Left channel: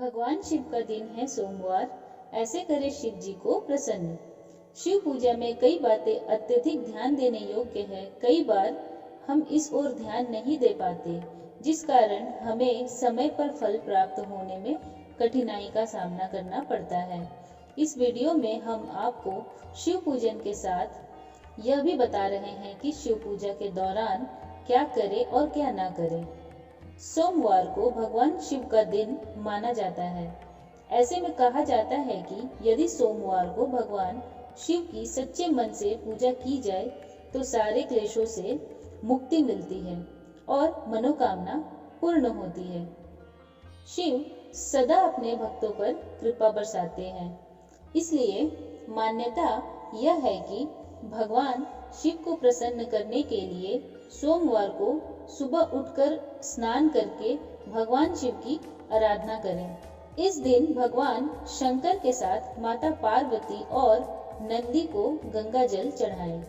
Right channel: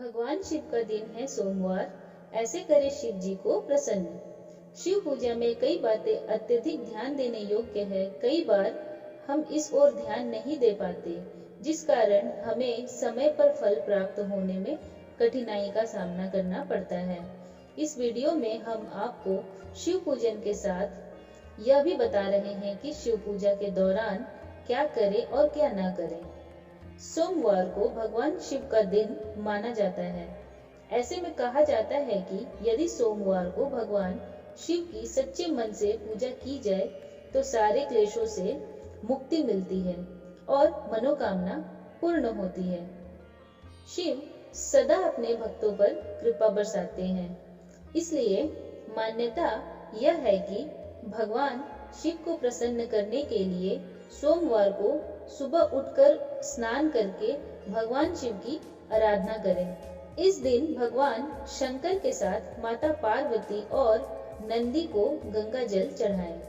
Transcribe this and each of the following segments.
भगवान शिव का दिन है सोमवार, ऐसे करे शिव जी को प्रसन्न। शिव पूजा में कई बातें अत्यधिक ध्यान देने योग्य है। कई बार हम इस ओर ध्यान नहीं दे पाते, जिस कारण हमें समय पर फल प्राप्त होने में कठिनाई का सामना करना पड़ता है। इस वीडियो में हम आपको शिव पूजन के साथ यह भी बता रहे हैं कि शिव पूजा के दौरान क्या करें और क्या ना करें। सोमवार को भगवान शिव का दिन माना जाता है। ऐसे में कहा जाता है कि यदि सोमवार को भगवान शिव की सच्चे मन से पूजा की जाए तो सारे क्लेशों से मुक्ति मिलती है और मनोकामना पूर्ण होती है। शिव सदा अपने भक्तों पर कृपा बरसाते हैं, इसलिए मान्यता यह है कि भगवान शिव को प्रसन्न करने के लिए सोमवार को सुबह उठकर स्नान करके भगवान शिव की आराधना करें। इस दिन भगवान शंकर के साथ माता पार्वती और नंदी को गंगा जल चढ़ाएं।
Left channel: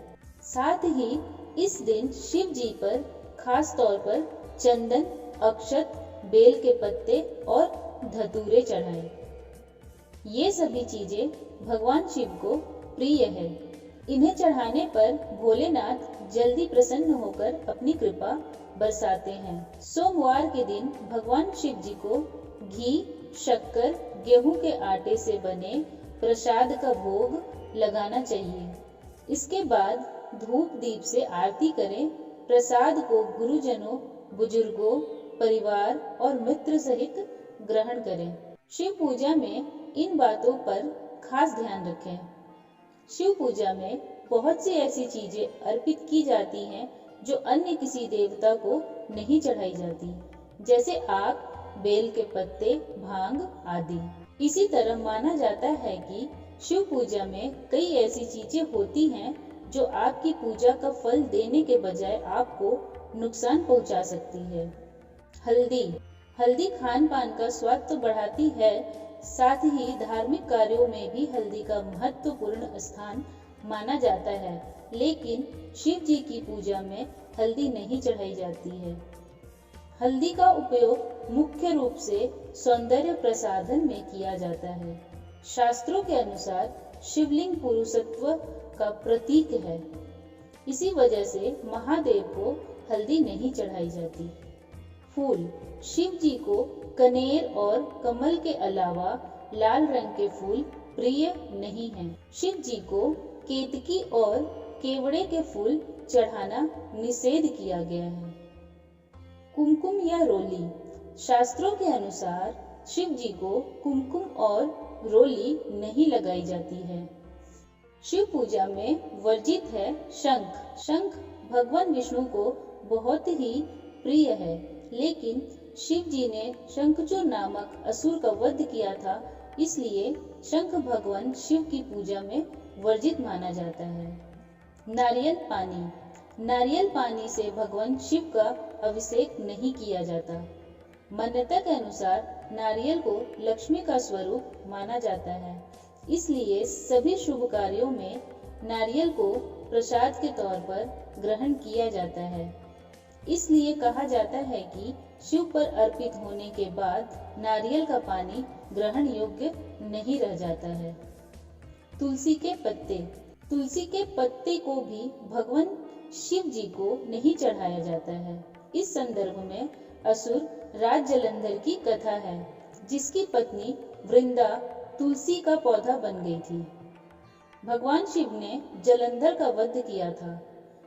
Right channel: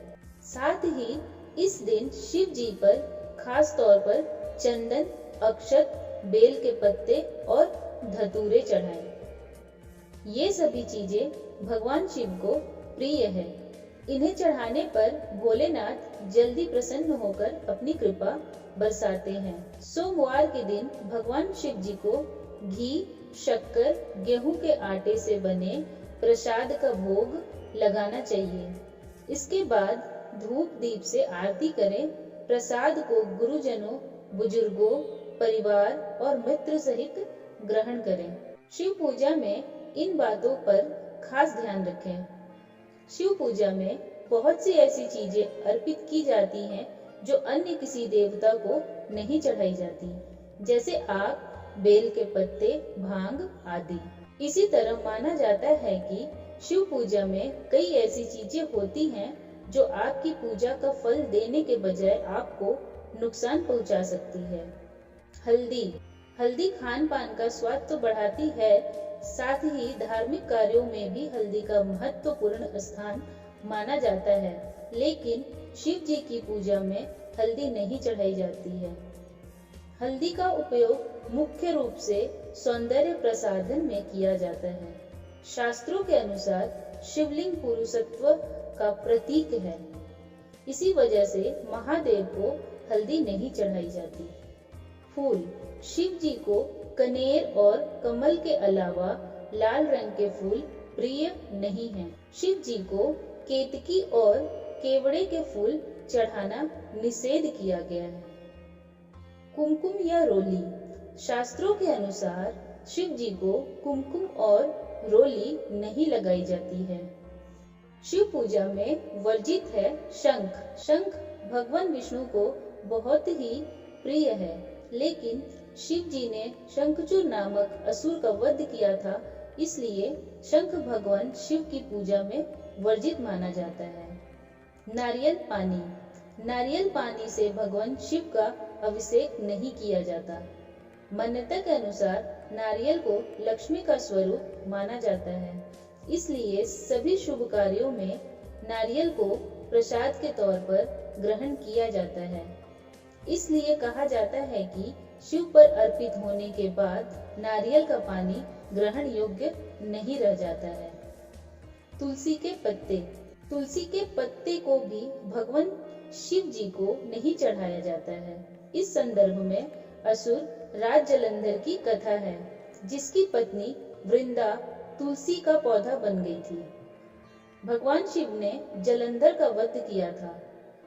साथ ही इस दिन शिव जी पर खास तौर पर चंदन, अक्षत, बेल के पत्ते और धतूरे चढ़ाएं। ये सभी चीजें भगवान शिव को प्रिय है। इन्हें चढ़ाने पर भोलेनाथ जल्दी प्रसन्न होकर अपनी कृपा बरसाते हैं। सोमवार के दिन भगवान शिव जी को घी, शक्कर, गेहूं के आटे से बने प्रसाद का भोग लगाना चाहिए। इसके बाद धूप दीप से आरती करें। प्रसाद को गुरुजनों, बुजुर्गों, परिवार और मित्र सहित ग्रहण करें। शिव पूजा में इन बातों पर खास ध्यान रखें। शिव पूजा में बहुत सी ऐसी चीजें अर्पित की जाती हैं जो अन्य किसी देवता को नहीं चढ़ाई जाती, जैसे आक, बेल के पत्ते, भांग आदि। इसी तरह माना जाता है कि शिव पूजा में कई ऐसी चीजें होती हैं जो आपकी पूजा का फल देने के बजाय आपको नुकसान पहुंचा सकती है। हल्दी खान पान का स्वाद तो बढ़ाती है, साथ ही धार्मिक कार्यों में भी हल्दी का महत्वपूर्ण स्थान माना जाता है, लेकिन शिव जी की पूजा में हल्दी नहीं चढ़ाई जाती है। हल्दी का उपयोग मुख्य रूप से सौंदर्य प्रसाधन में किया जाता है। शास्त्रों के अनुसार शिवलिंग पुरुषत्व का प्रतीक है, इसी वजह से महादेव को हल्दी नहीं चढ़ाई जाती। फूल, शिव जी को कनेर और कमल के अलावा लाल रंग के फूल प्रिय नहीं हैं। शिव जी को केतकी और केवड़े के फूल चढ़ाना निषेध किया गया है। कुमकुम या रोली, शास्त्रों के अनुसार शिव जी को कुमकुम और रोली नहीं लगाई जाती है। शिव पूजा में वर्जित है शंख भगवान विष्णु को बहुत ही प्रिय है, लेकिन शिव जी ने शंखचूर नामक असुर का वध किया था, इसलिए शंख भगवान शिव की पूजा में वर्जित माना जाता है। नारियल पानी से भगवान शिव का अभिषेक नहीं किया जाता। मान्यता के अनुसार नारियल को लक्ष्मी का स्वरूप माना जाता है, इसलिए सभी शुभ कार्यों में नारियल को प्रसाद के तौर पर ग्रहण किया जाता है। इसलिए कहा जाता है कि शिव पर अर्पित होने के बाद नारियल का पानी ग्रहण योग्य नहीं रह जाता है। तुलसी के पत्ते को भी भगवान शिव जी को नहीं चढ़ाया जाता है। इस संदर्भ में असुर राज जलंधर की कथा है, जिसकी पत्नी वृंदा तुलसी का पौधा बन गई थी। भगवान शिव ने जलंधर का वध किया था,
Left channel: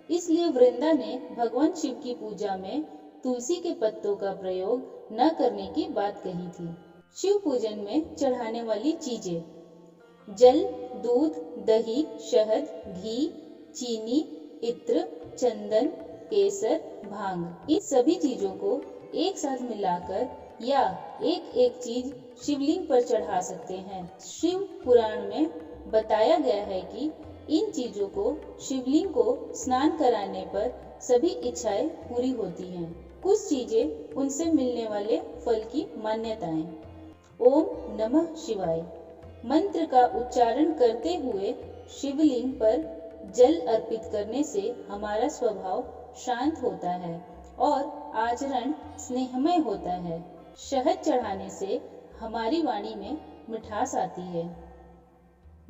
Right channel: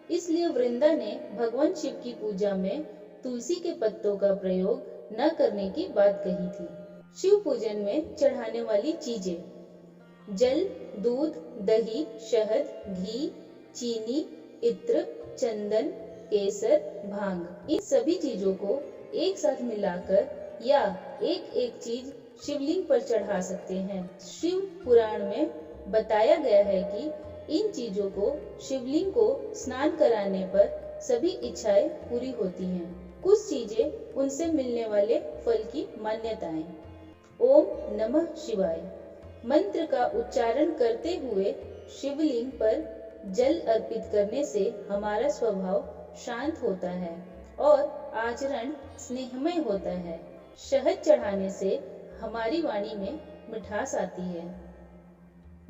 इसलिए वृंदा ने भगवान शिव की पूजा में तुलसी के पत्तों का प्रयोग न करने की बात कही थी। शिव पूजन में चढ़ाने वाली चीजें: जल, दूध, दही, शहद, घी, चीनी, इत्र, चंदन, केसर, भांग। इन सभी चीजों को एक साथ मिलाकर या एक चीज शिवलिंग पर चढ़ा सकते हैं। शिव पुराण में बताया गया है कि इन चीजों को शिवलिंग को स्नान कराने पर सभी इच्छाएं पूरी होती हैं। कुछ चीजें उनसे मिलने वाले फल की मान्यताएं। ओम नमः शिवाय मंत्र का उच्चारण करते हुए शिवलिंग पर जल अर्पित करने से हमारा स्वभाव शांत होता है और आचरण स्नेहमय होता है। शहद चढ़ाने से हमारी वाणी में मिठास आती है।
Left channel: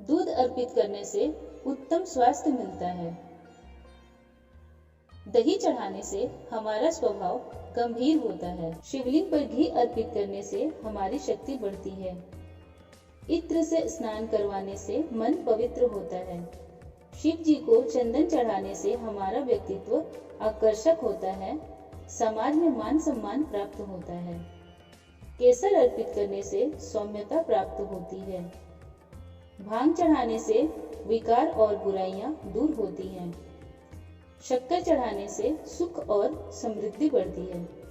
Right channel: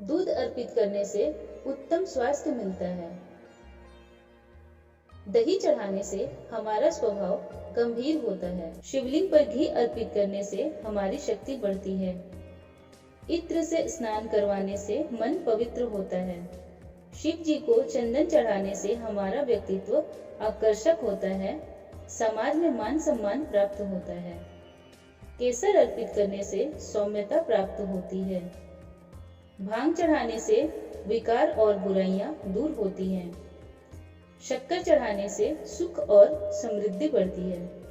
दूध अर्पित करने से उत्तम स्वास्थ्य मिलता है। दही चढ़ाने से हमारा स्वभाव गंभीर होता है। शिवलिंग पर घी अर्पित करने से हमारी शक्ति बढ़ती है। इत्र से स्नान करवाने से मन पवित्र होता है। शिव जी को चंदन चढ़ाने से हमारा व्यक्तित्व आकर्षक होता है। समाज में मान सम्मान प्राप्त होता है। केसर अर्पित करने से सौम्यता प्राप्त होती है। भांग चढ़ाने से विकार और बुराइयां दूर होती हैं। शक्कर चढ़ाने से सुख और समृद्धि बढ़ती है।